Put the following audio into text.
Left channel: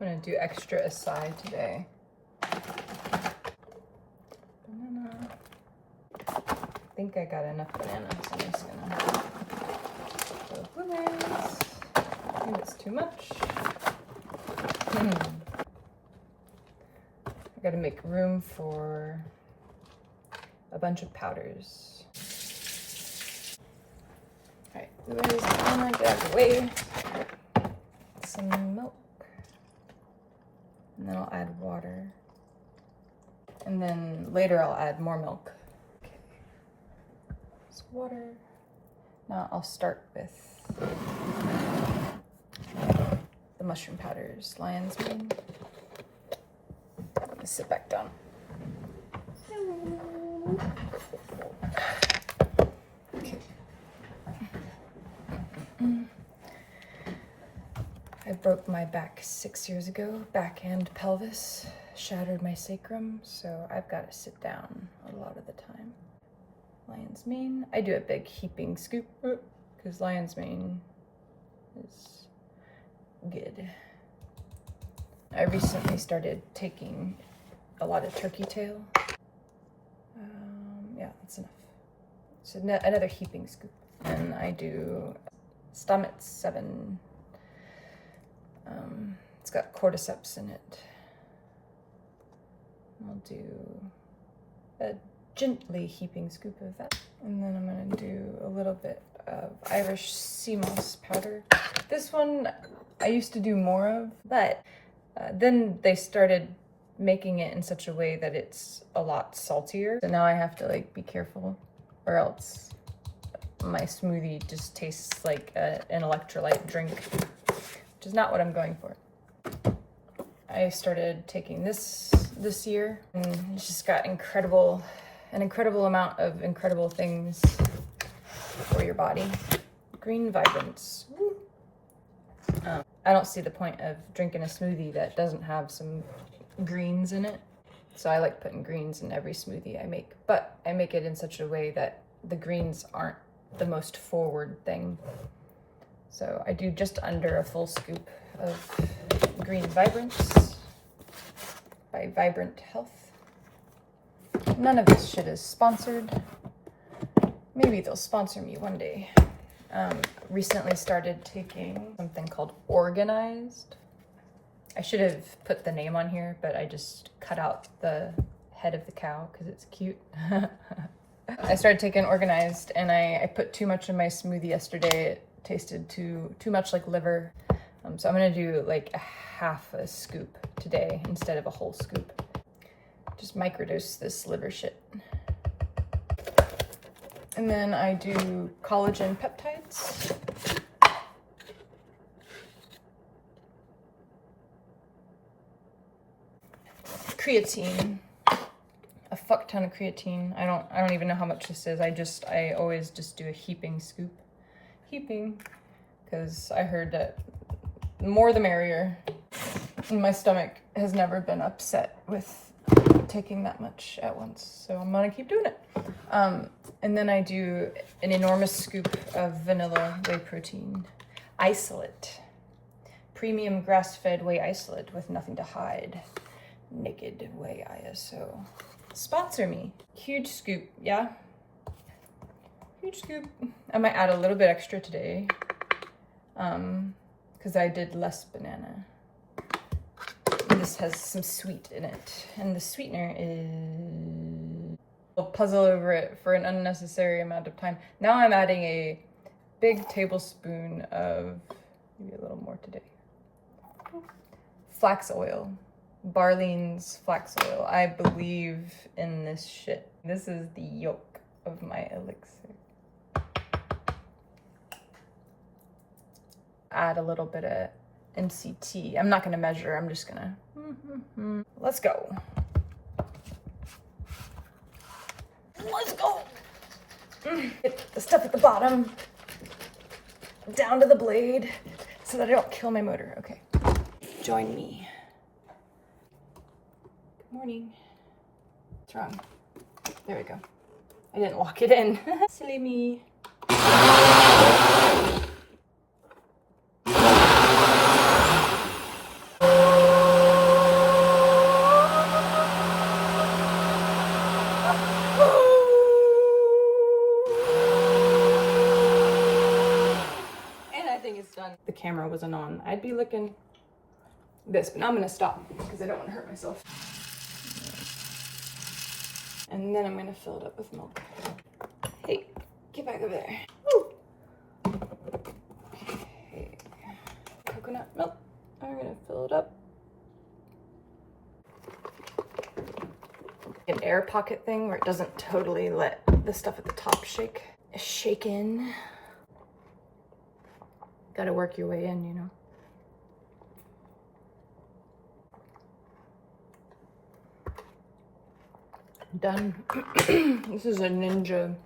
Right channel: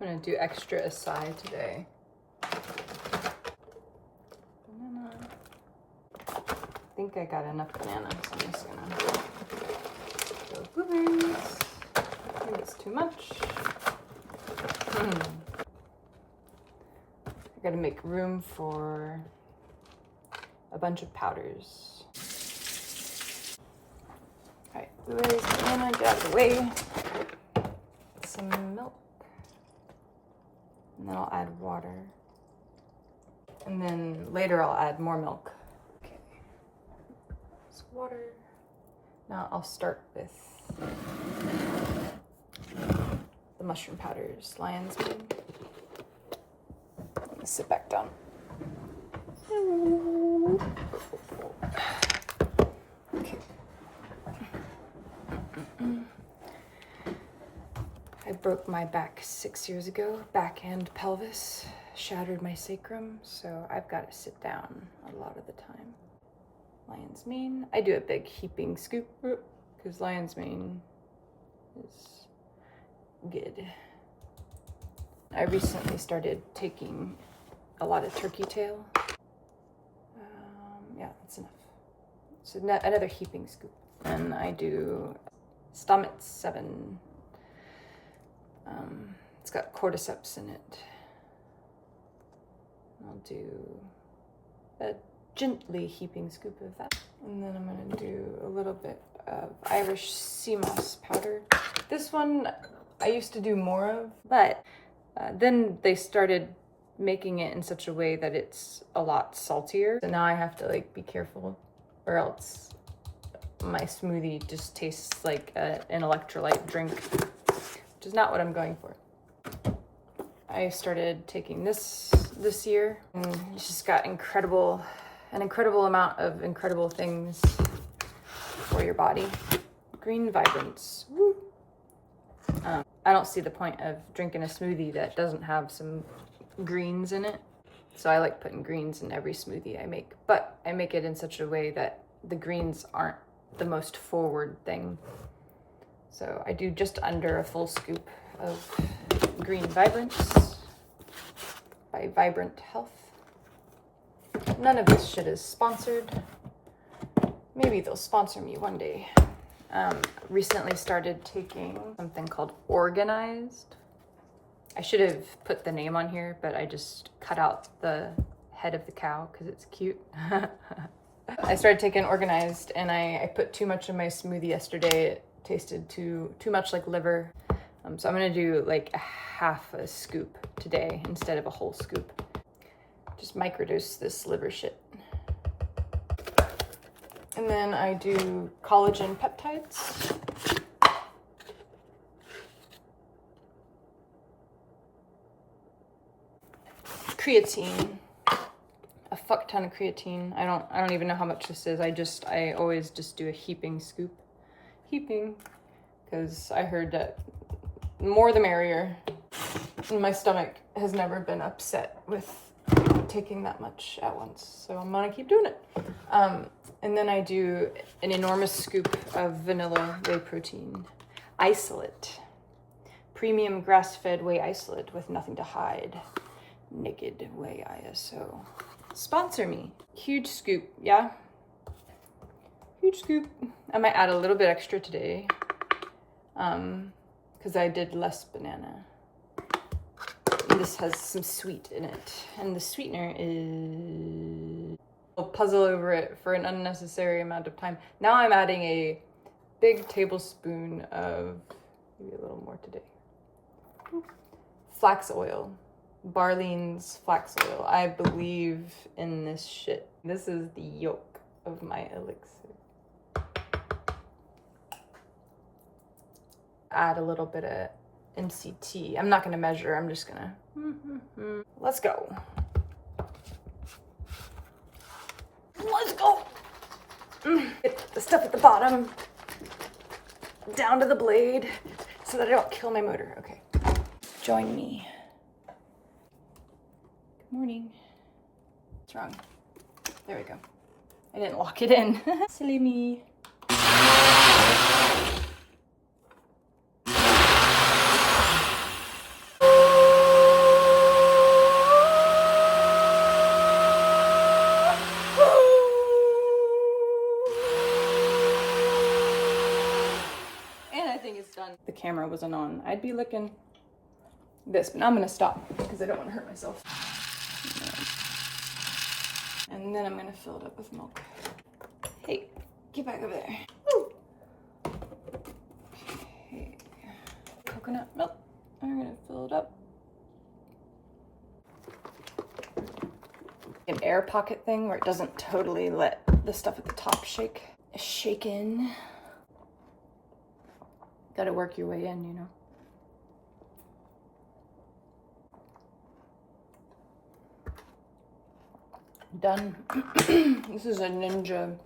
I'm gonna do extra acai today. Banana. I think I got enough banana, so I'm just gonna go blueberries. I think it's too much. I gotta make room for a bunch of powders. All right, blueberries, banana, get out of the way. Some milk. And then I'll add water. And then later I'll add more milk. Okay. It's water. Now I'll start with the mushroom powders. Lion's mane. I'm gonna sit back down. Okay. I broke my back 6 years ago, back and pelvis, shattered my sacrum, so I've got to sit down a lot of the time. Lion's mane. I do a big heaping scoop because lion's mane is good. I recently started taking a lot of turkey tail. Yeah, that's enough. So another heaping scoop. And I do stomach 7. It's got cordyceps in it. I'll do a gently heaping scoop of that. And then I'm gonna do a little bit of Irish sea moss powder. This one I used to do more of, but then they started making it in such a way that it's a lot saltier. So now I have to like be careful or else my smoothie just tastes like an electrolyte drink, which is not what I'm going for. I started taking this year, and it's just got an incredible amount of incredible things for your body. Green Vibrance. Woo. I don't see the point of drinking a smoothie that doesn't have some greens in it. So I like putting greens in every smoothie I make, but I make it in such a way that the greens aren't the most forward thing. So I do just under a full scoop of Green Vibrance by Vibrant Health. None of this shit is sponsored. Maybe they'll sponsor me one day. Recently started taking something called Organized. I should have put the name on here, but I just cut out the head of the cow because it's cute. I started taking Organized, and I put too much in my smoothie yesterday. It tasted too much like liver. So I'm gonna do like a half a scoop today instead of a whole scoop. Just microdose this liver shit. And then I do collagen peptides. Creatine. A fuck ton of creatine. I don't even know how much this is. I always just do a heaping scoop. Heaping, because I heard that more the merrier. And my stomach has never been upset with taking that much at once, so I'm gonna keep doing it. And then I do an enormous scoop of vanilla whey protein isolate, premium grass-fed whey isolate with nothing to hide. Naked whey ISO. Sponsor me. Huge scoop, yeah. Huge scoop. I might add a little bit extra today, because I did less banana. And this has some sweet in it, and the sweetener is... I'll puzzle over it for an unnecessary amount of time. Now I'm adding a big tablespoon of, maybe a little more today, flax oil. Barlean's flax oil. I believe in this shit. This is the yolk of my elixir. Add a little bit of MCT. I'm not gonna measure, I'm just gonna, let's go. Let's go. Get the stuff at the bottom down to the blade so that I don't kill my motor. Okay, join me. Good morning. What's wrong? There we go. I didn't lock it in. Silly me. done. The camera wasn't on. I'd be licking this, but now I'm gonna stop because I don't want to hurt myself. And then I'm gonna fill it up with milk. Hey, get back over there. Woo! Hey. Coconut milk. I'm gonna fill it up. An air pocket thing where it doesn't totally let the stuff at the top shake. Shake in. Gotta work your way in, you know. Done. This is a ninja